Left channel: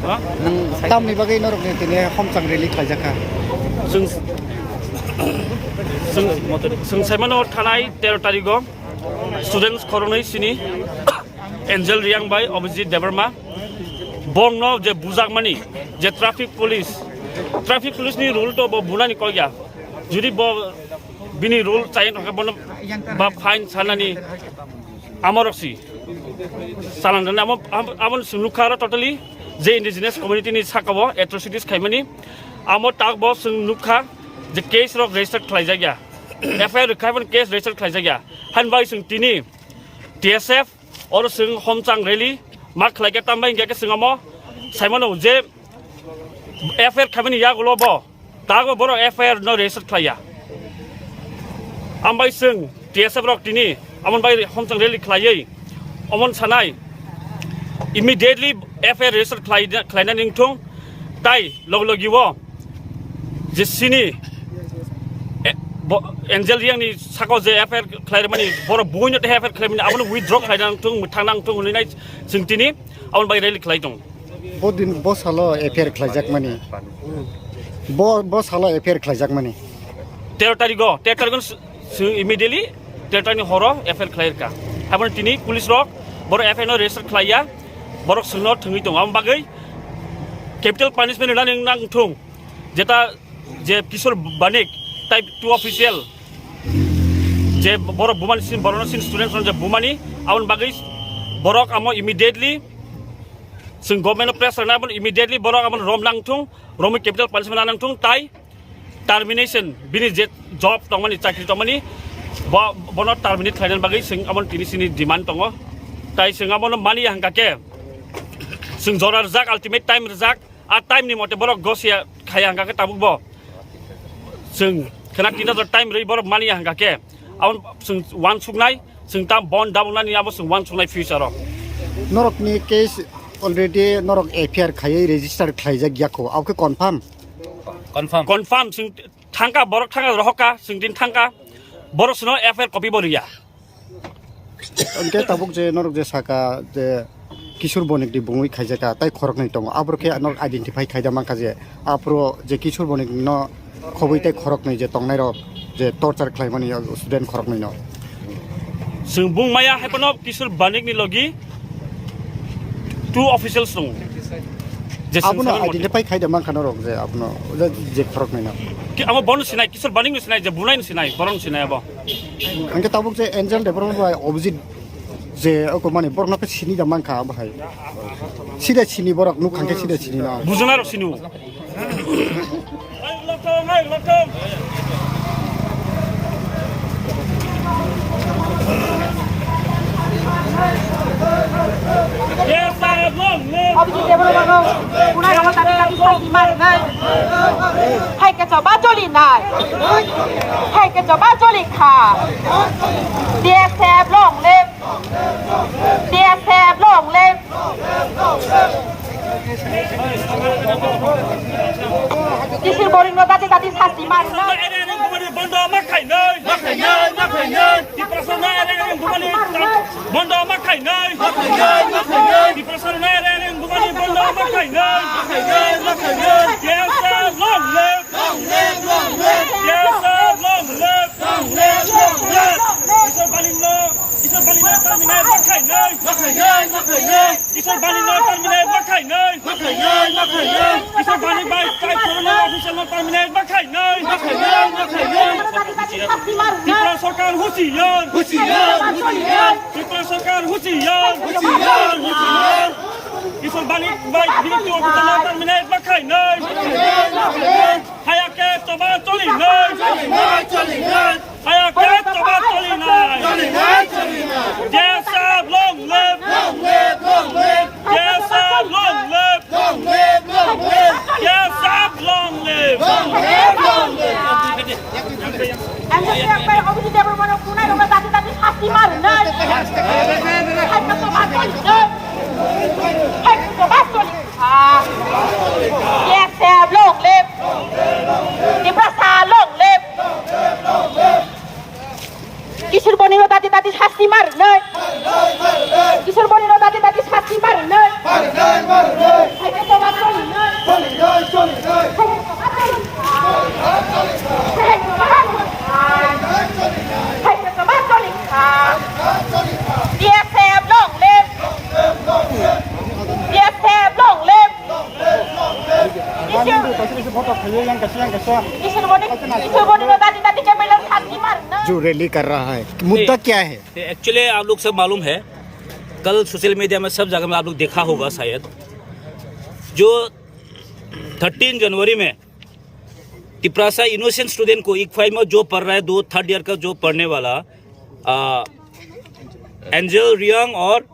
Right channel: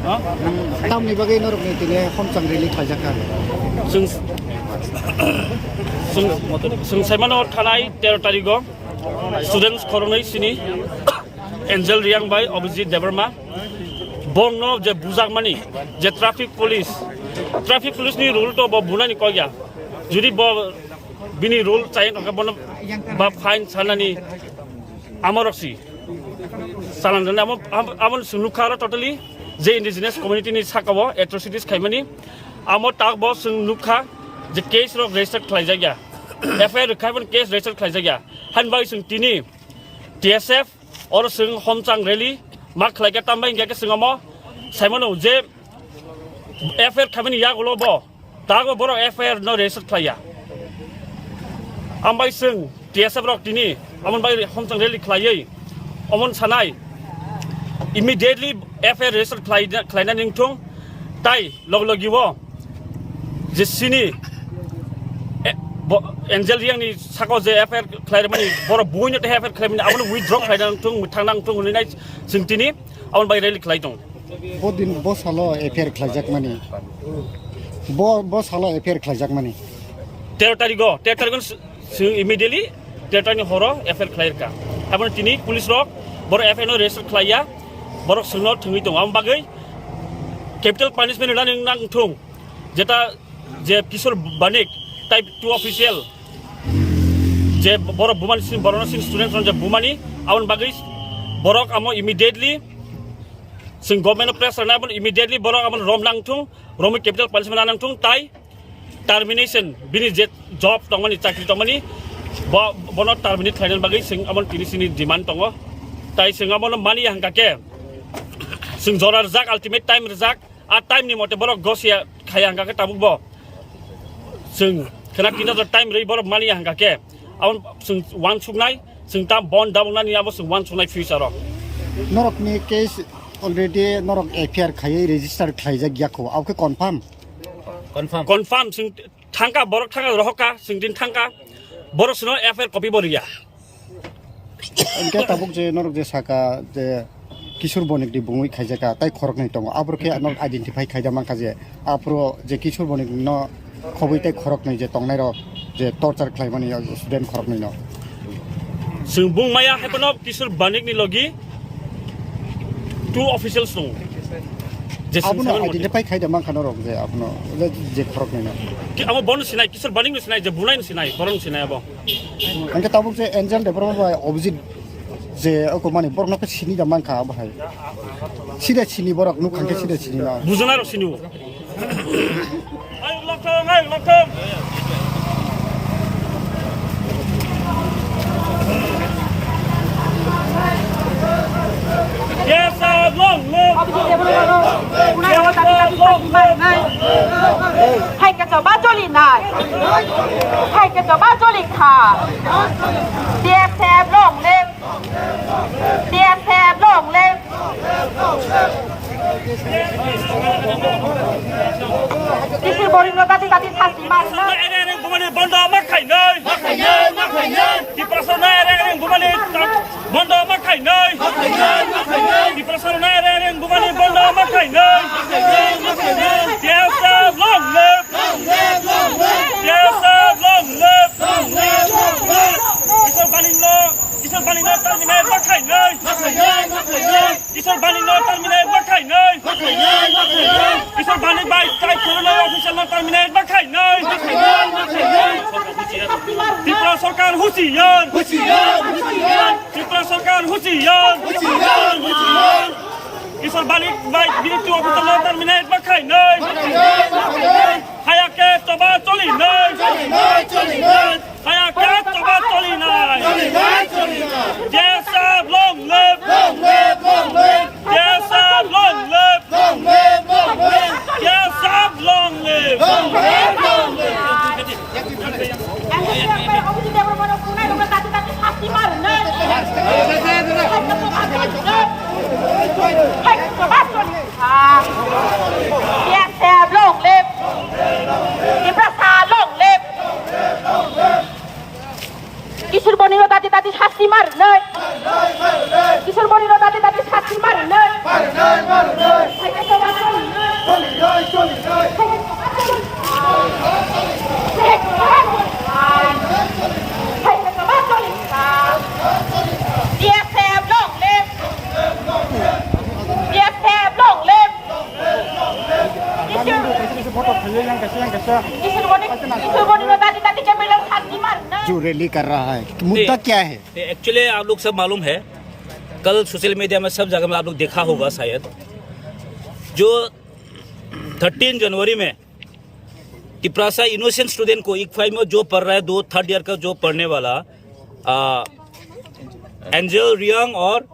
Tam ni bagai norok ni tini homsang rally khaijaka. जों साइमानो थानाय 13 तारिखआव students खरनै सिनि Angel रियांबाई Abhijit Debbarma बंनो जे बुजाकमानि जे traffic पुलिसनि रुल तो बुनानि कया जुदि बिनि रुल चाइन बा फाइन सानानि आमरक्सि सालानदन आमन सुनुखारा टोटली जे इन्डिजिनियास कम्युनिटिनि साकाव एट्रोसिटिस खायमानि आमो ताकबो सुनुखा जे केस रक रेजिस्टार खालायजाया एफआईआर रिखायमन केस रेजिस्टार खालायजाया हानबाय जों तिनि टीएसएफ और जों हमचांग रैली मा खालायगा तामबाय इंगे जोंमो साइमनो जे एफआईआर खायमानि यागलबो तागो बर एफआईआर नो रेजिस्टार खालाया आमबाय जों टीएसएफ रक तिनि अमन बाय हमचांग रैली खालायै अमन सानाय इमिडिएटली एफआईआर रेजिस्टार खालायना निंथुं ताइ लगलगिवो जे सिनि एन्जेल रियांनि साकाव जे एफआईआर खालायमानि बर बयनो एफआईआर खालायमानि आबनो विथड्र खालायनांथुं थांनांथुं होननाय जों दिनै आबन बाय रैली खालायदों बदिन बसालो एफआईआर खालायजाक मानि बसालो एफआईआर खालायजाक मानि 13 तारिखआव जों इमिडिएटली 13 तारिखनि हराव एफआईआर खालायरका आबन दिनै पुलिस रक बर एफआईआर नो रेजिस्टार खालाया बर सोंनो थङै दं आम बागै कैपिटल पानिशमेन्ट होना नांथुं जेता जे किशोर बानिक टाइप 2 ऑफिशियल जे बर बुमानि सिन बरनसिन स्टूडेंट्स जे बुमानि आवन बागै बरक आमो इमिडिएटली जों गभर्नमेंट प्रेस रानाबन इमिडिएटली बरक आमन रम नांथुं रम कैपिटल पानिशमेन्ट नांथुं ताइ टर्मिनेशन बिनि जे जॉब तंमानि चाकरि तंमानि बनो टर्मिनेट खायनान बागै जों आमन तिनिसिनि डिमान्ड दङ ताइ जों आमन मानि हांगाके जों जरा रजाक अल्टिमेट टाइम रजाक आ टाइम नि मते बरक गसिया खाया हांगाके ताबुकबो जों खोना किना टाइम रै बर मानि हांगाके आवन जों वान सुगनाय जों ता बन दाबनानि आबो जों वान सुगनाय फ्यूचर नरक नि केस अलरेडी नरक एफआईआर खायै रेजिस्टार खायजाक याखौ आवके कन्फर्म जों थांका बरक थांका रहका जों दिन थांका बर सुनो एफआईआर कपि बरिया उनके ताबुक जे नरक जे साका जे किशोर बनिक दि बुङै खायजाका ताइ खरक नै दङ आब्रके नरक आइडेन्टिफाई खायदा मानका जे आप्रो जे किशोर बनिक न खबैताय खरक नै जे तंनाय रक जे टर्चार खालायमानि स्टुडेन्ट खरक नै न जों बुंमाया हेपन किशोर बानिक नि लगी 2 ऑफिशियल्स दं जे आपनो आइडेन्टिफाई खायदा मानका नरक जे आपनो जे खरक नै न कि आम बन सिनाय किशोर बानिक नि सिनाय जे बुनाय नि सिनाय बरन सिनाय अब अंके ताबुक जे एन्जेल डेभलपमेन्ट बाय अभिजित जे अको माने बरनका सिनि दा मानका बाहाय सिदा सिनि बरक नु खांके सिदा सिनि न बुजना र सिनु Lockdown. Yes, long live. Hay cái chỗ ba chỗ lì này, hay cái chỗ ba chỗ lì khả, đĩa xe long live, đĩa xe long live. Kisil boring no tadi sasi mas. Ada bumani bondo makai noi. Di persona ada bumani bondo makai noi. Di persona ada bumani bondo makai noi. Yes, long live. Yes, long live. Isol baling lo terminate makai noi. Isol baling lo terminate makai noi. Isol baling by type corona official lo terminate makai noi. Tipra sarkar husiyan. Tipra sarkar husiyan. Isol baling by directive official lo terminate makai noi. Hayake toba toli noi. Hayake toba toli noi. Yes, long live. Yes, long live. Yes, long live. Kisur boniwa tadi hasti mar nay. Kisur boniwa tadi hasti mar nay. जो rally कर रहा है मुद्दा क्या है? Actually आप लोग सब मालूम है, कल सोशल मीडिया में सब जगह में आप लोग देखा होगा शायद, जो 13 जनवरी में तिपरासा इनोसेंट स्टूडेंट को इक्फाई में जो पढ़ रहा है, 3rd ईयर का जो पढ़ने वाला एंजल रियांग और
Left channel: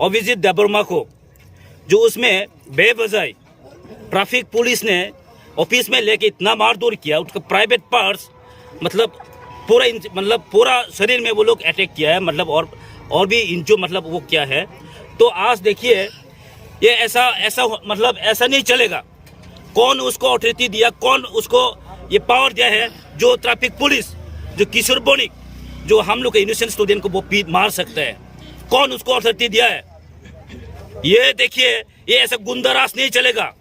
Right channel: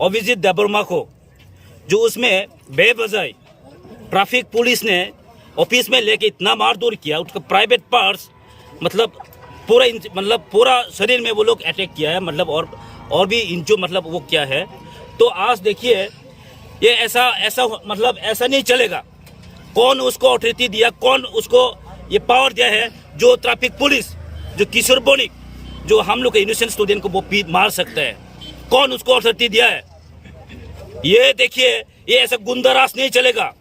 अभिजीत देबर्मा को, जो उसमें बेवजह ट्रैफिक पुलिस ने ऑफिस में लेके इतना मारधोर किया, उसका प्राइवेट पार्ट्स मतलब पूरा शरीर में वो लोग अटैक किया है, मतलब और भी इंचो मतलब वो क्या है। तो आज देखिए ये ऐसा नहीं चलेगा। कौन उसको अथॉरिटी दिया, कौन उसको ये पावर दिया है, जो ट्रैफिक पुलिस, जो किशोर बोनिक, जो हम लोग के इनोसेंट स्टूडेंट को वो मार सकता है, कौन उसको अथॉरिटी दिया है? ये देखिए, ये ऐसा गुंडाराज नहीं चलेगा,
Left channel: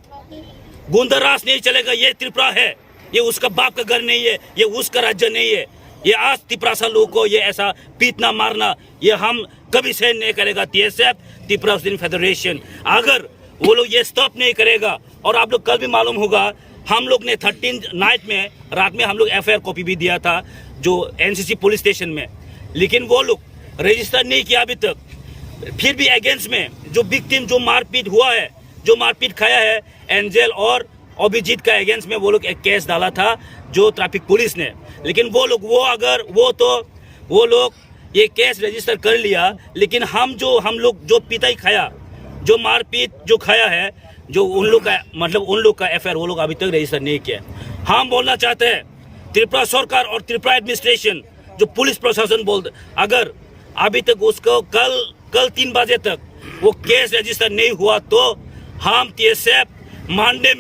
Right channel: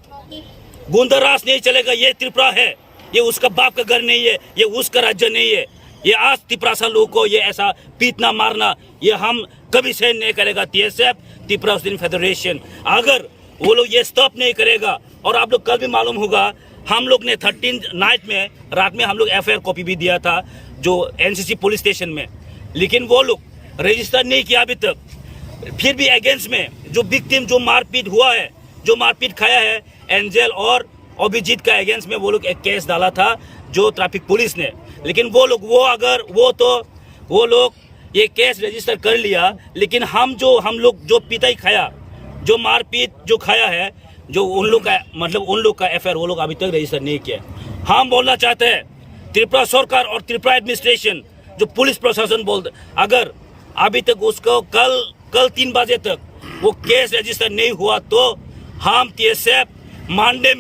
गुंडाराज नहीं चलेगा। ये त्रिपुरा है, ये उसका बाप का घर नहीं है, ये उसका राज्य नहीं है। ये आज तिपरासा लोगों को ये ऐसा पीटना मारना, ये हम कभी सहन नहीं करेगा। TSF, त्रिपुरा स्टूडेंट फेडरेशन, अगर वो लोग ये स्टॉप नहीं करेगा, और आप लोग कल भी मालूम होगा, हम लोग ने 13 नाइट में रात में हम लोग FIR कॉपी भी दिया था जो NCC पुलिस स्टेशन में, लेकिन वो लोग रजिस्टर नहीं किया अभी तक। फिर भी अगेंस्ट में जो विक्टिम, जो मारपीट हुआ है, जो मारपीट खाया है एंजल और अभिजीत का अगेंस्ट में वो लोग एक केस डाला था जो ट्रैफिक पुलिस ने, लेकिन वो लोग ये केस रजिस्टर कर लिया। लेकिन हम लोग जो पिटाई खाया, जो मारपीट जो खाया है, जो उन लोग का FIR वो लोग अभी तक रजिस्टर नहीं किया। हम बोलना चाहते हैं त्रिपुरा सरकार और त्रिपुरा एडमिनिस्ट्रेशन, जो पुलिस प्रशासन बोलते, अगर अभी तक उसको कल 3 बजे तक वो केस रजिस्टर नहीं हुआ तो हम TSF मांडे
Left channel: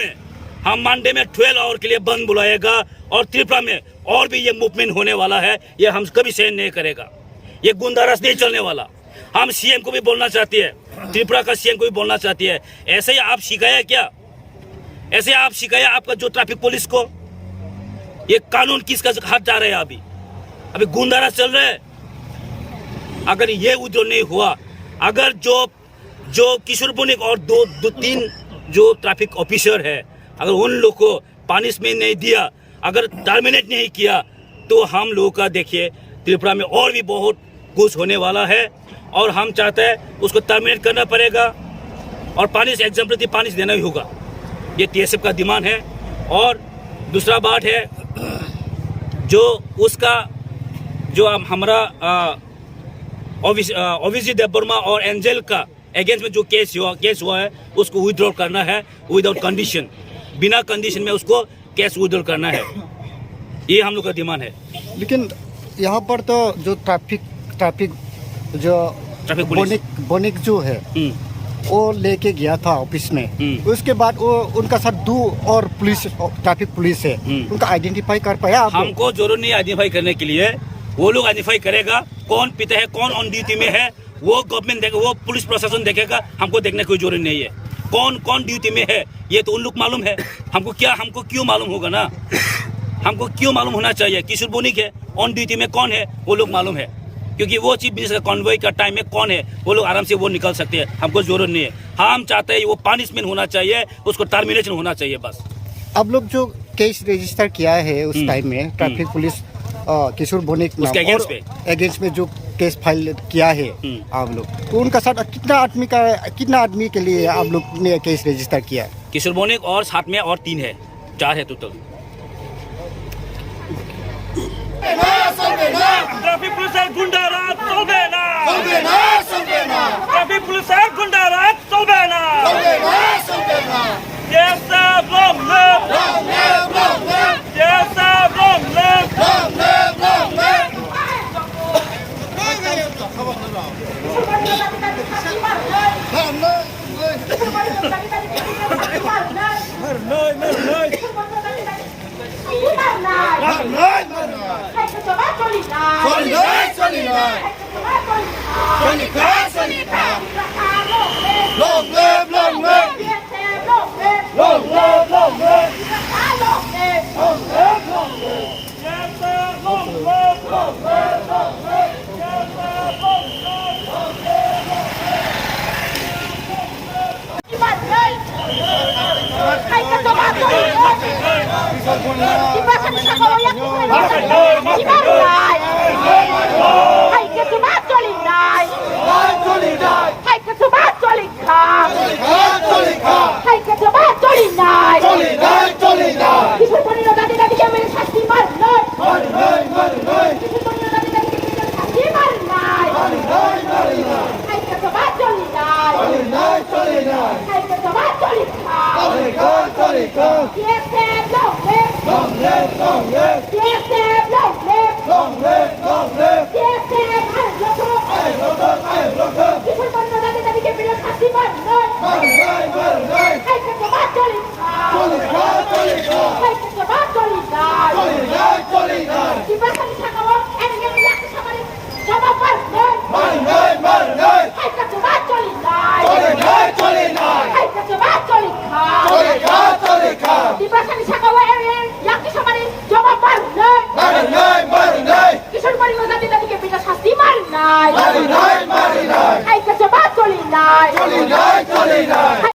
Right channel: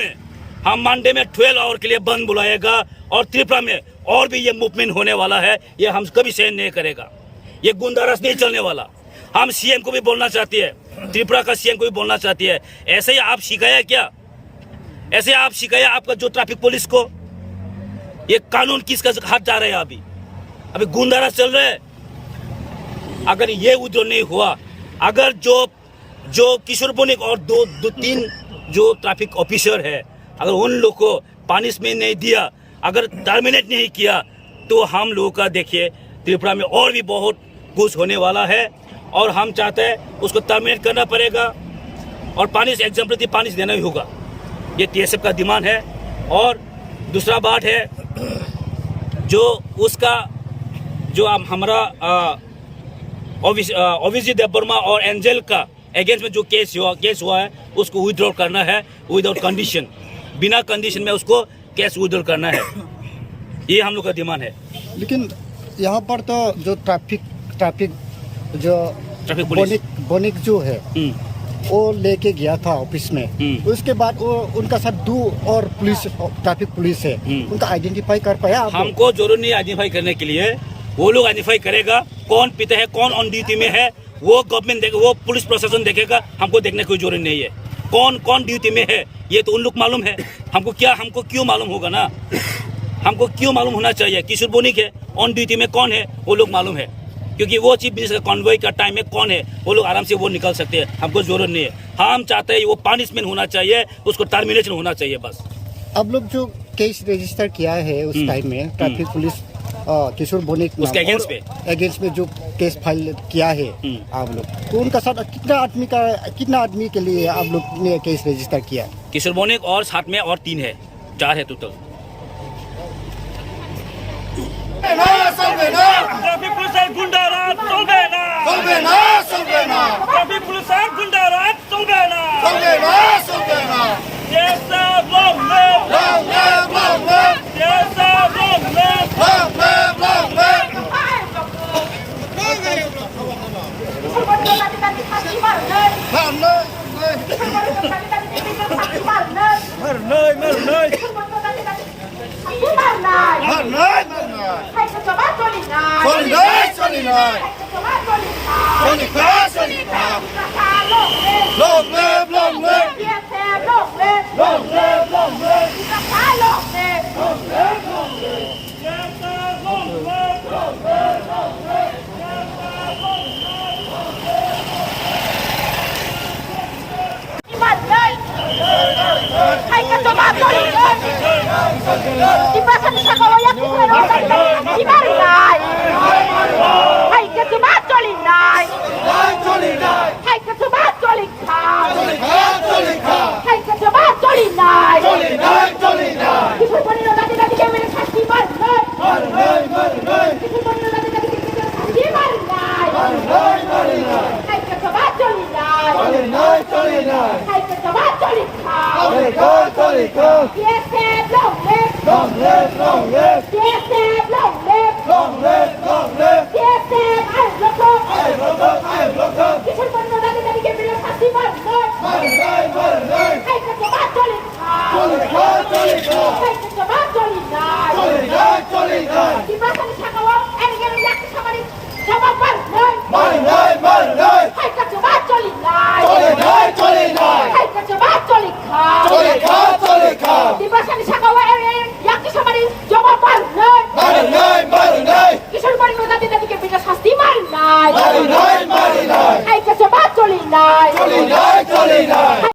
में 12 आवर के लिए बंद बुलाएगा, और त्रिपुरा में और भी ये मूवमेंट होने वाला है। ये हम कभी सहन नहीं करेगा, ये गुंडाराज नहीं चलने वाला। हम CM को भी बोलना चाहती है, त्रिपुरा का CM को भी बोलना चाहती है, ऐसे ही आप सिखाया क्या? ऐसे आप सिखाया आपका जो ट्रैफिक पुलिस को? ये कानून किसका हाथ जा रहा है? अभी गुंडाराज चल रहा है। अगर ये उद्योग नहीं हुआ, अगर जो किशोर बोनिक और 2-3 जो ट्रैफिक ऑफिसर है, अगर उन लोग को पनिशमेंट नहीं दिया, अगर टर्मिनेट नहीं किया, तो हम लोगों का देखिए त्रिपुरा में और भी बहुत कुछ होने वाला है। और हम चाहते हैं उसको टर्मिनेट करना पड़ेगा, और एग्जाम्पलरी पानिश देना ही होगा। ये TSF का डिमांड है। और दूसरा बात है, जो हमारा अभिजीत देबवर्मा और एंजल का अगेंस्ट में जो केस हुआ है, उसको विथड्रॉ करना है विदाउट कंडीशन, बिना कंडीशन में उसको केस विथड्रॉ करना है। ये हम लोग का डिमांड है। लेकिन यहाँ पर तो जो ट्रैफिक बोनिक जो है वो लेके गया था ऑफिस में, उसके बाद वो उनका साथ 2 और ट्रैफिक पुलिस है, उनका आइडेंटिफाई कर पाया? हमको जरूर नहीं आइडेंटिफाई करने के लिए, वो लोग आइडेंटिफाई करेगा कौन पिता है, कौन ऑन ड्यूटी में है, वो गवर्नमेंट देखेगा, वो पुलिस प्रशासन देखेगा। हमको देखने की कोई जरूरत नहीं है कौन ड्यूटी में है, ये तो उन लोग मालूम है। हमको क्यों मालूम होगा ना? हमको क्यों मालूम होना चाहिए? किशोर बोनिक है, ऑन ड्यूटी में कौन है वो लोग मालूम है, क्योंकि वो चीफ मिनिस्टर का कॉन्वॉय का टाइम में कौन है वो लोग आराम से वो निकल सकते हैं। हमको जरूरत नहीं है। हम चाहते हैं वो पनिशमेंट होना चाहिए, उसको टर्मिनेशन होना चाहिए बस। अब लोग जो केस रजिस्टर किया है उस टाइम में ट्रैफिक पुलिस किशोर बोनिक उसके अगेंस्ट में जो केस फाइल किया है आप लोग, तो उनका साथ कितना आदमी के लिए आप लोग ने केस रजिस्टर किया? किशोर बोनिक और साथ में और 3 है, 4 है टोटल। ट्रैफिक पुलिस गुंडाराज चलबे ना, ट्रैफिक पुलिस गुंडाराज चलबे ना। TSF long live, TSF long live। ใครก็จะมาจลินที่บ้านฉันสะกดแล้วที่บ้านนายใครก็จะมาจลินนายใครก็จะมาจลินขาใครก็จะมาจลินนายที่ฉันวันนี้เราได้แค่ไม่ได้ชักที่บ้านเลยที่ฉันวันนี้เราได้แค่ไม่ได้ชักที่บ้านเลยใครก็จะมาจลินนายใครก็จะมาจลินขาเพียงแค่ลงเล็บ